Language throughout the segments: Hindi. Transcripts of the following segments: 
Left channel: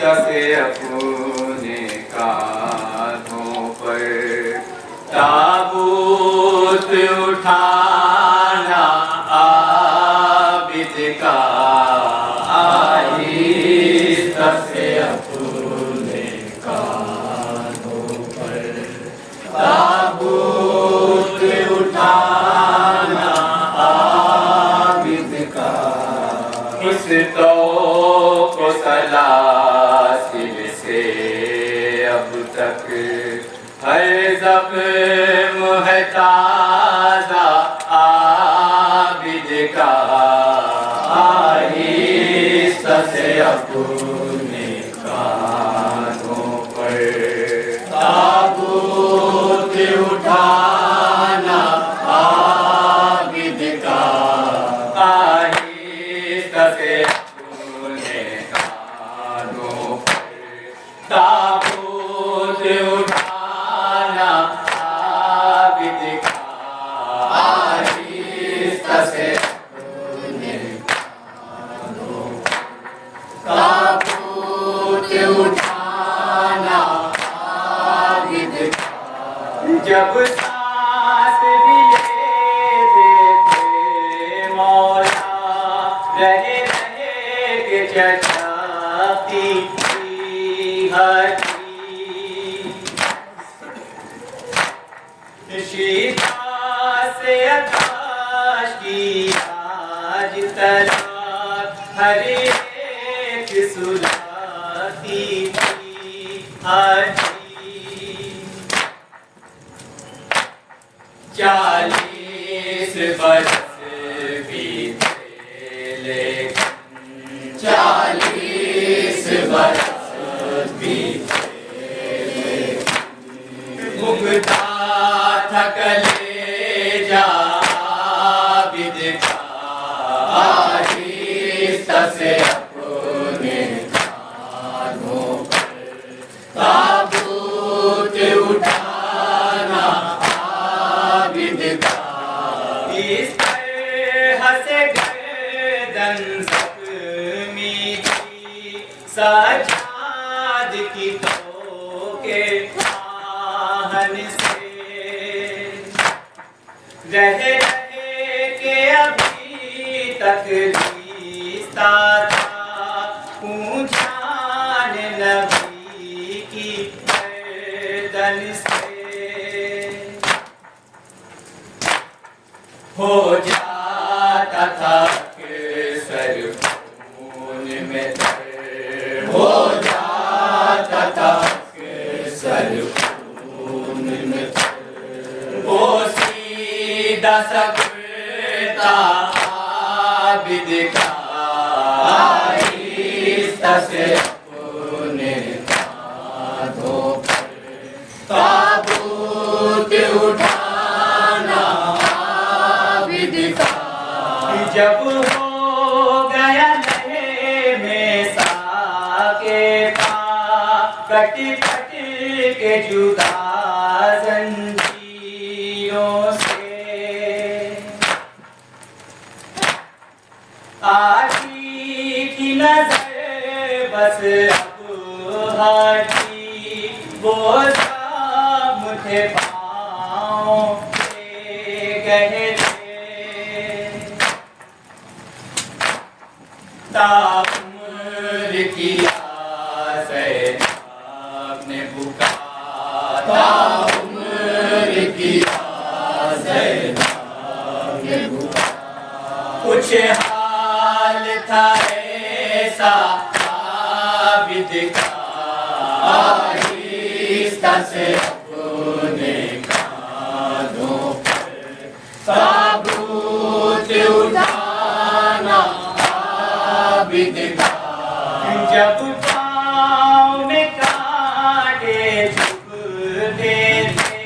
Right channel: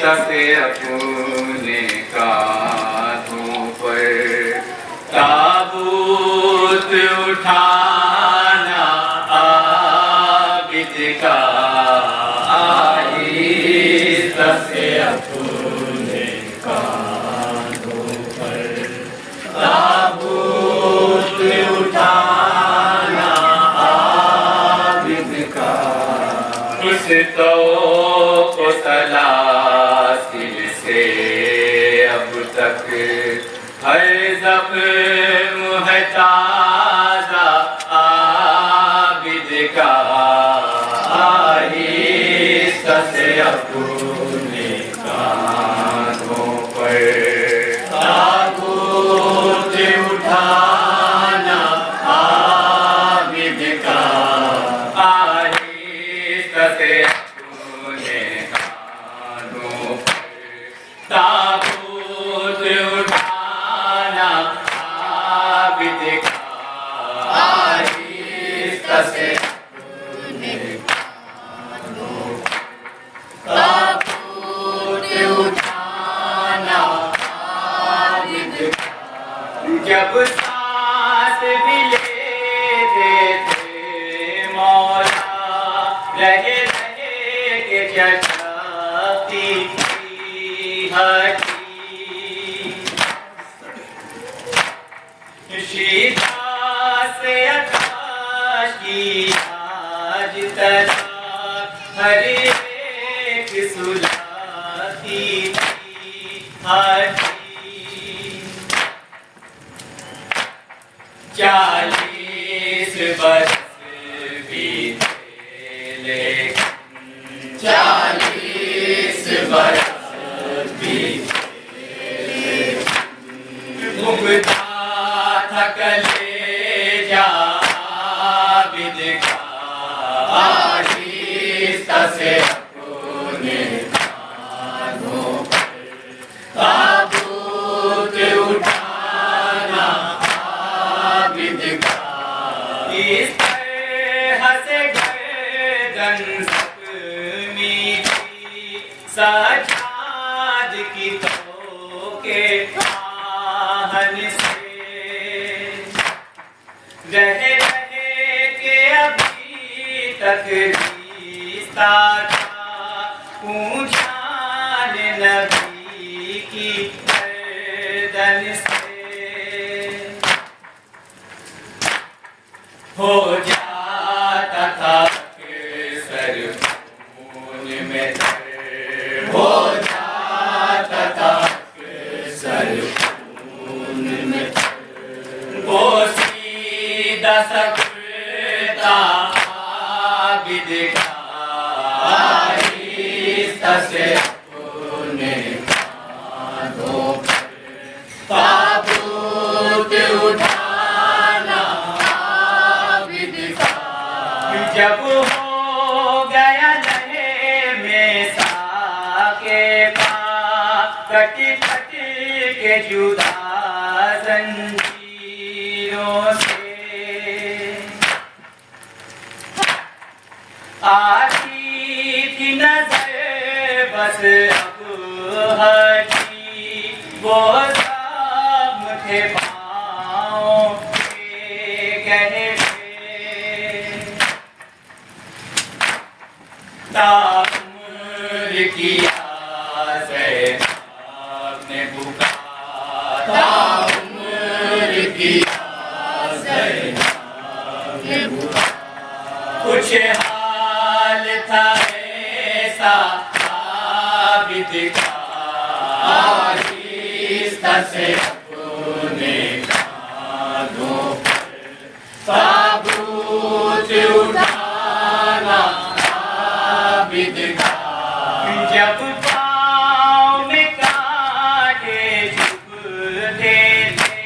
सके अपने कांधों पर ताबूत उठाना आबिद का आहिस्ता से अपने कांधों पर ताबूत उठाना आबिद का उस तो को सलासिल से अब तक हर ज़ख्म है ताज़ा आबिद का आहिस्ता से अपने कांधों पर ताबूत उठाना आबिद का आहिस्ता से अपने कांधों पर ताबूत उठाना आबिद का आहिस्ता से अपने कांधों पर ताबूत उठाना आबिद का जब सांस भी लेते थे मौला रहे रहे के चटाती शीता से आकाश की आज तलवार हर एक सुलाती थी हटी 40 बरस बीते लेकिन 40 बरस भुगता था कलेजा आबिद का आहिस्ता से अपने कांधों पर ताबूत उठाना आबिद का इस तरह से गर्दन ज़ख्मी थी सजाद की तो के आहन से रहे रहे के अभी तक रिश्ता था ऊंचान नबी की गर्दन से हो जाता था सर खून में तर हो जाता था सर खून में वो सीधा सकता आबिद का आहिस्ता से अपने कांधों पर ताबूत उठाना आबिद का जब हो गया लहे में साके का कटी कटी के जुदा जंजीरों से आती थी नजर बस अब हटी वो सब थे पाँव के गहरे ताउम्र किया ज़ैनब ने पुकारा ताउम्र किया ज़ैनब ने पुकारा कुछ हाल था ऐसा आबिद का आहिस्ता से अपने कांधों पर ताबूत उठाना आबिद का जब पाँव में कांटे चुभते थे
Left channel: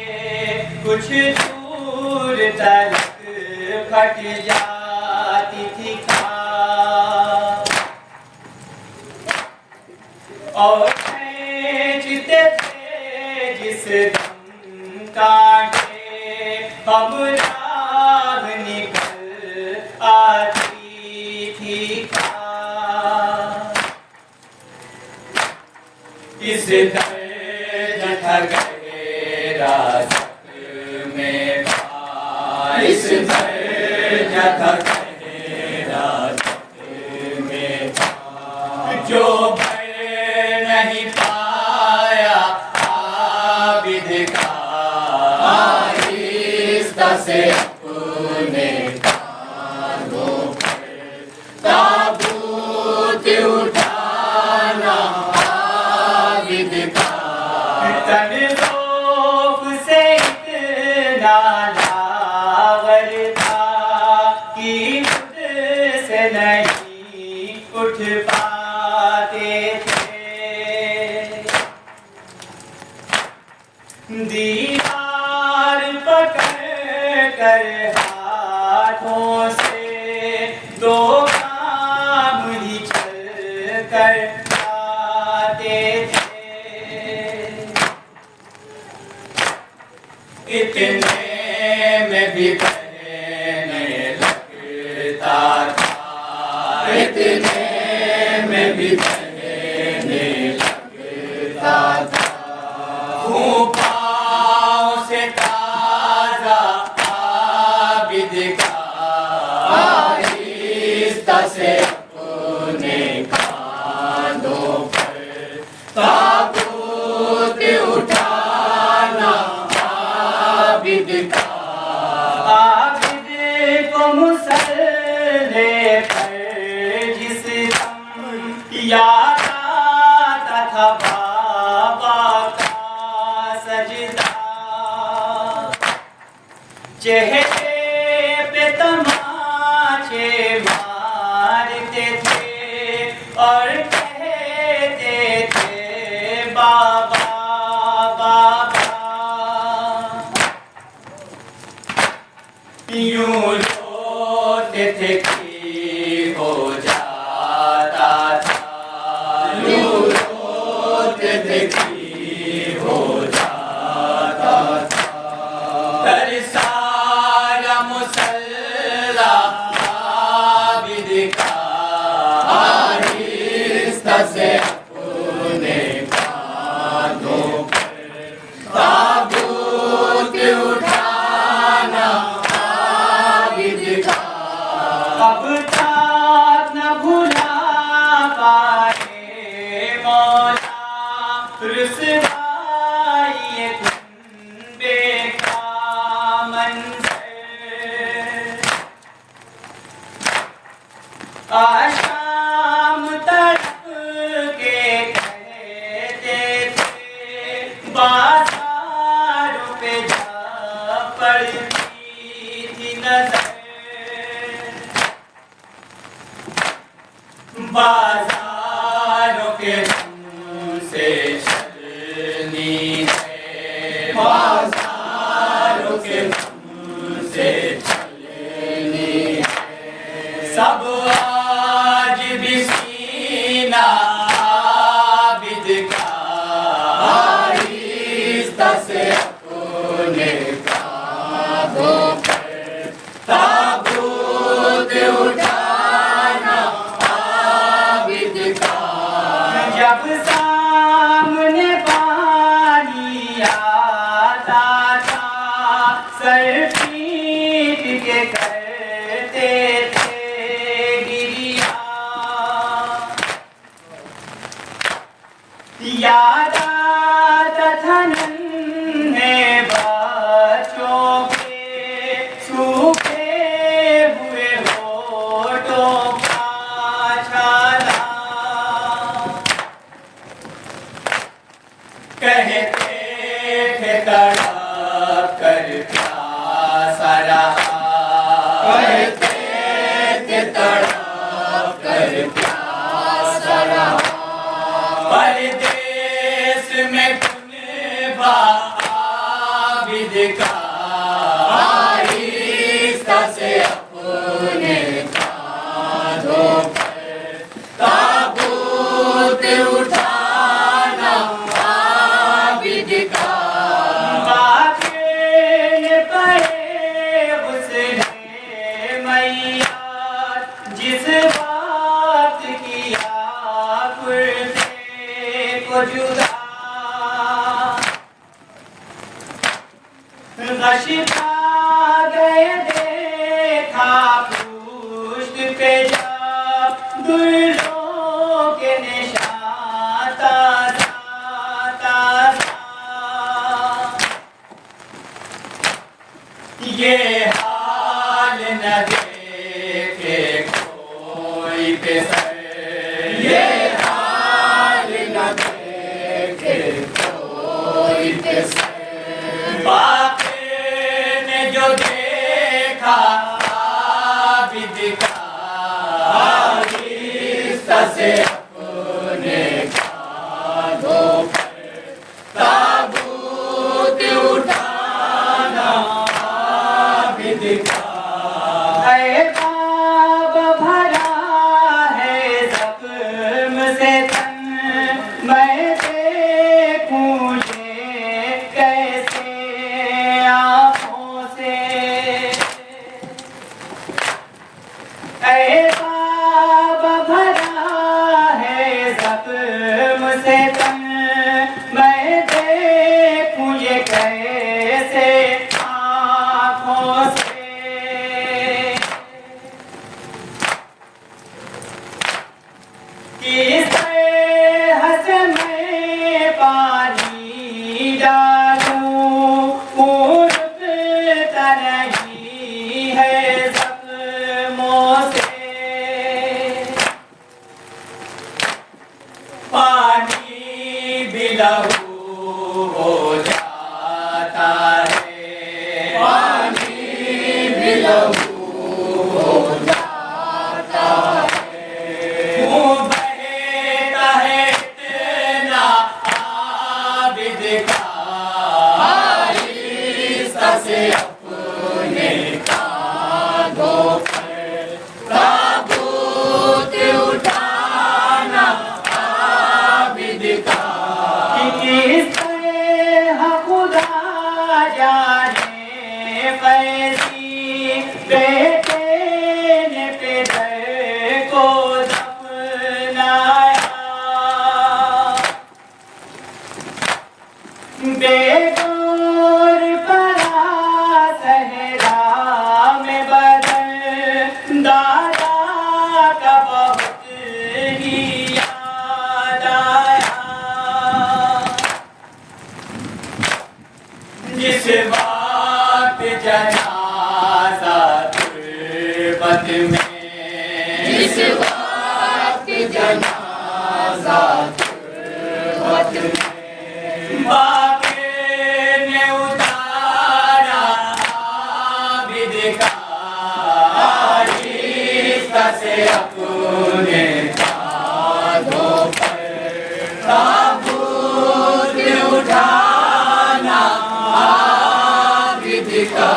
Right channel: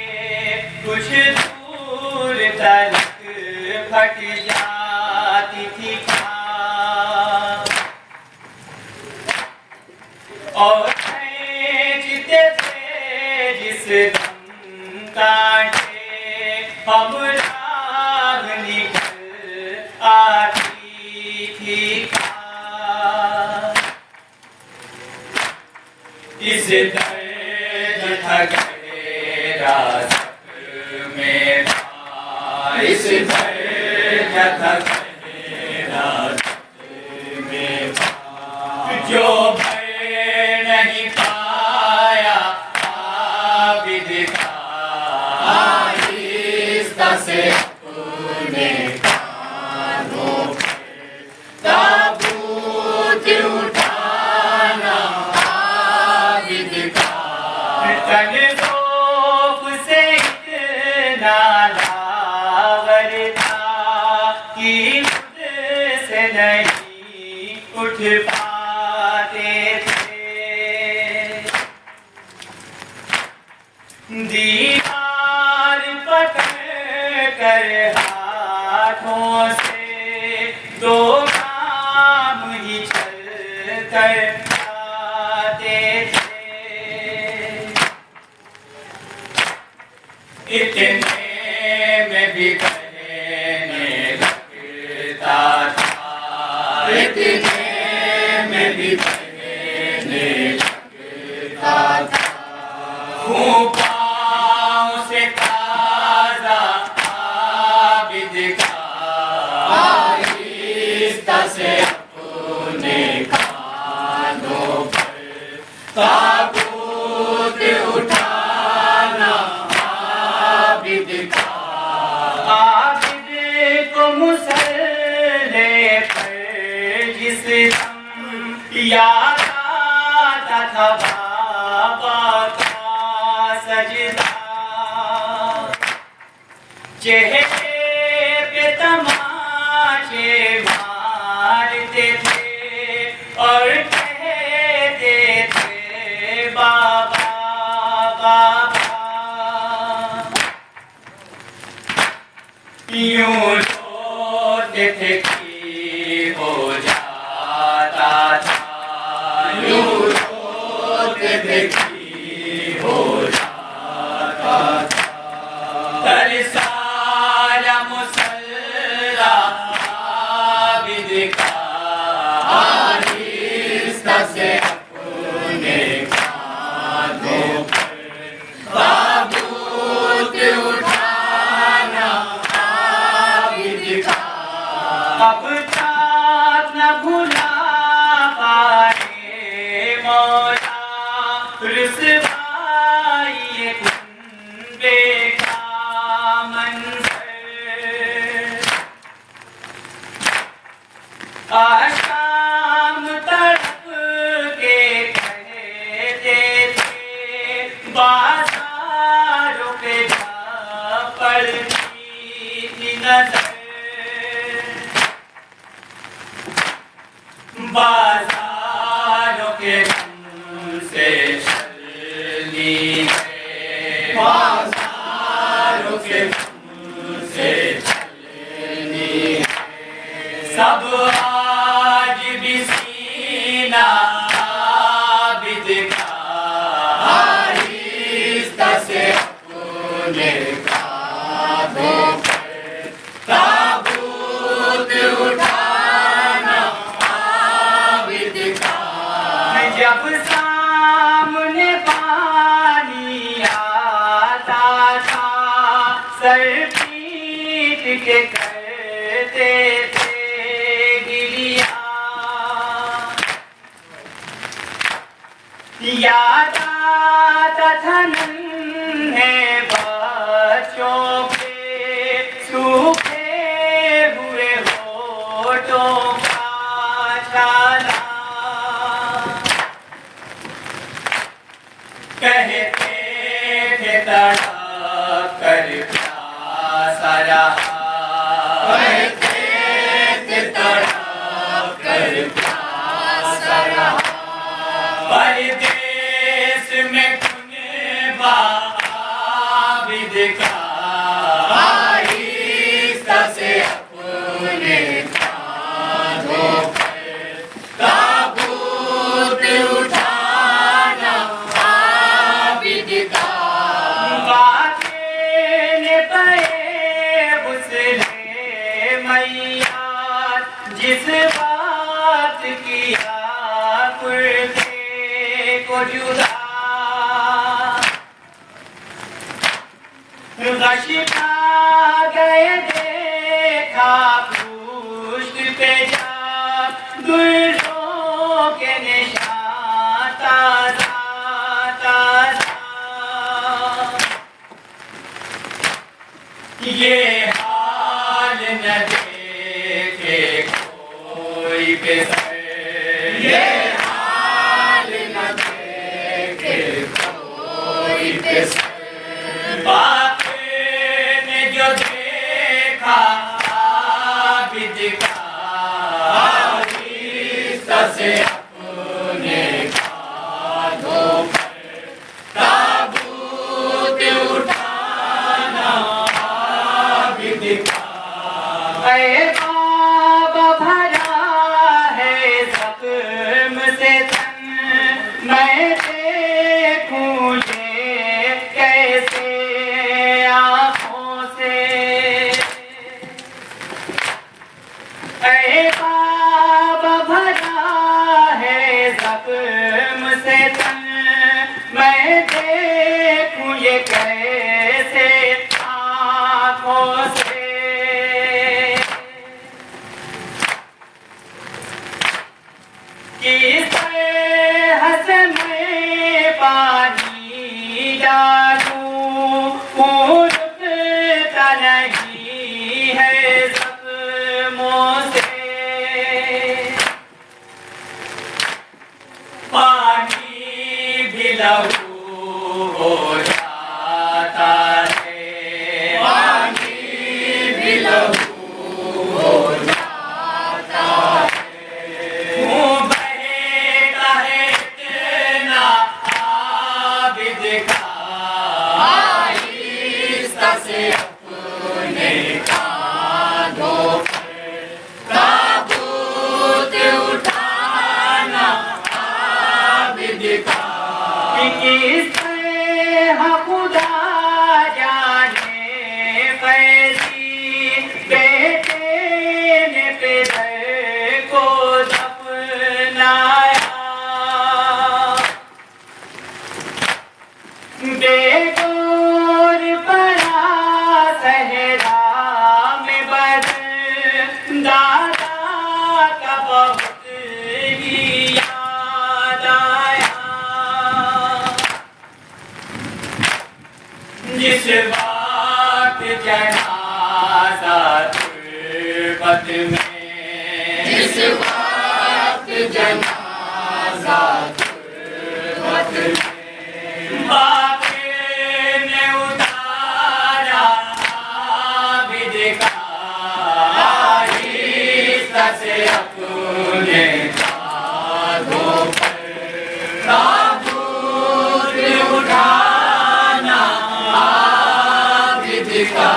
कुछ दूर तक फट जाती थी खाक और खींचते थे जिस दम कांटे हम राह निकल आती थी खाक इस दर्द ठगरे रासक में था, इस दर्द ठगरे रासक में था, जो भर नहीं पाया आबिद का, आहिस्ता से अपने कानों पर ताबूत उठाना आबिद का, तन ज़ौक़ से इतना लावर था कि खुद से नहीं उठ पाते थे। दीवार पकड़ कर हाथों से दो काम ही चल कर पाते थे। इतने में भी कहने लगता था, इतने में भी कहने लगता था, हूँ पाँव से ताज़ा आबिद का, आहिस्ता से अपने कानों पर ताबूत उठाना आबिद का, आबिद को मुसल्ले पर जिस दम याद आता था बाबा का सजदा, चेहरे पे तमाचे मारते थे और कहते थे बाबा बाबा, यूं रोते थे कि हो जाता था, यूं रोते थे कि हो जाता था, पर सारा मुसल्ला आबिद का, आहिस्ता से अपने कानों पर ताबूत उठाना आबिद का, अब तक न भुला पाए मौला रुसवाई ये कुंबे का मंज़र। आशाम तड़प के कहते थे बाज़ारों पे जा पड़ती थी नज़र, बाज़ारों के धुन से चलनी है, बाज़ारों के धुन से चलनी है, सब आज भी सीना आबिद का, आहिस्ता से अपने कांधों पर ताबूत उठाना आबिद का, जब सामने पानी आता था सर पीट के करते थे गिरिया, याद आता था नन्हे बच्चों के सूखे हुए होठों का छाला, कहते थे तड़प कर प्यासा रहा, कहते थे तड़प कर प्यासा रहा, परदेस में कुनबा आबिद का, आहिस्ता से अपने कांधों पर ताबूत उठाना आबिद का, बातें ने पड़े उसने मैया जिस बात की आकुल को जुदा गश खा गए देखा पुष्ट पे जा दुर्गों के निशान ताजा ताजा ये हाल न देखे कोई बेसर ये हाल न देखे कोई बेसर बातें ने जो देखा आबिद का आहिस्ता से अपने कांधों पर ताबूत उठाना आबिद का ऐ बाबा भरा है जख्म से तन मैं देखूं ये कैसे आँखों से ऐ बाबा भरा है जख्म से तन मैं देखूं ये कैसे आँखों से किस हंस में पानी डालूं रुकता नहीं है जख्मों से पानी भी लहू हो जाता है पानी भी लहू हो जाता है मुँह बहता है इतना आबिद का आहिस्ता से अपने कांधों पर ताबूत उठाना आबिद का किस तरह खुदा जाने कैसी बेटे ने पितर को दफनाया बेगौर पड़ा सहरा में बदल दादा का बहुत ही याद आया जिस बात जनाजा तुर्बत में जिस बात जनाजा तुर्बत में बापे ने उतारा आबिद का आहिस्ता से अपने कांधों पर ताबूत उठाना आबिद का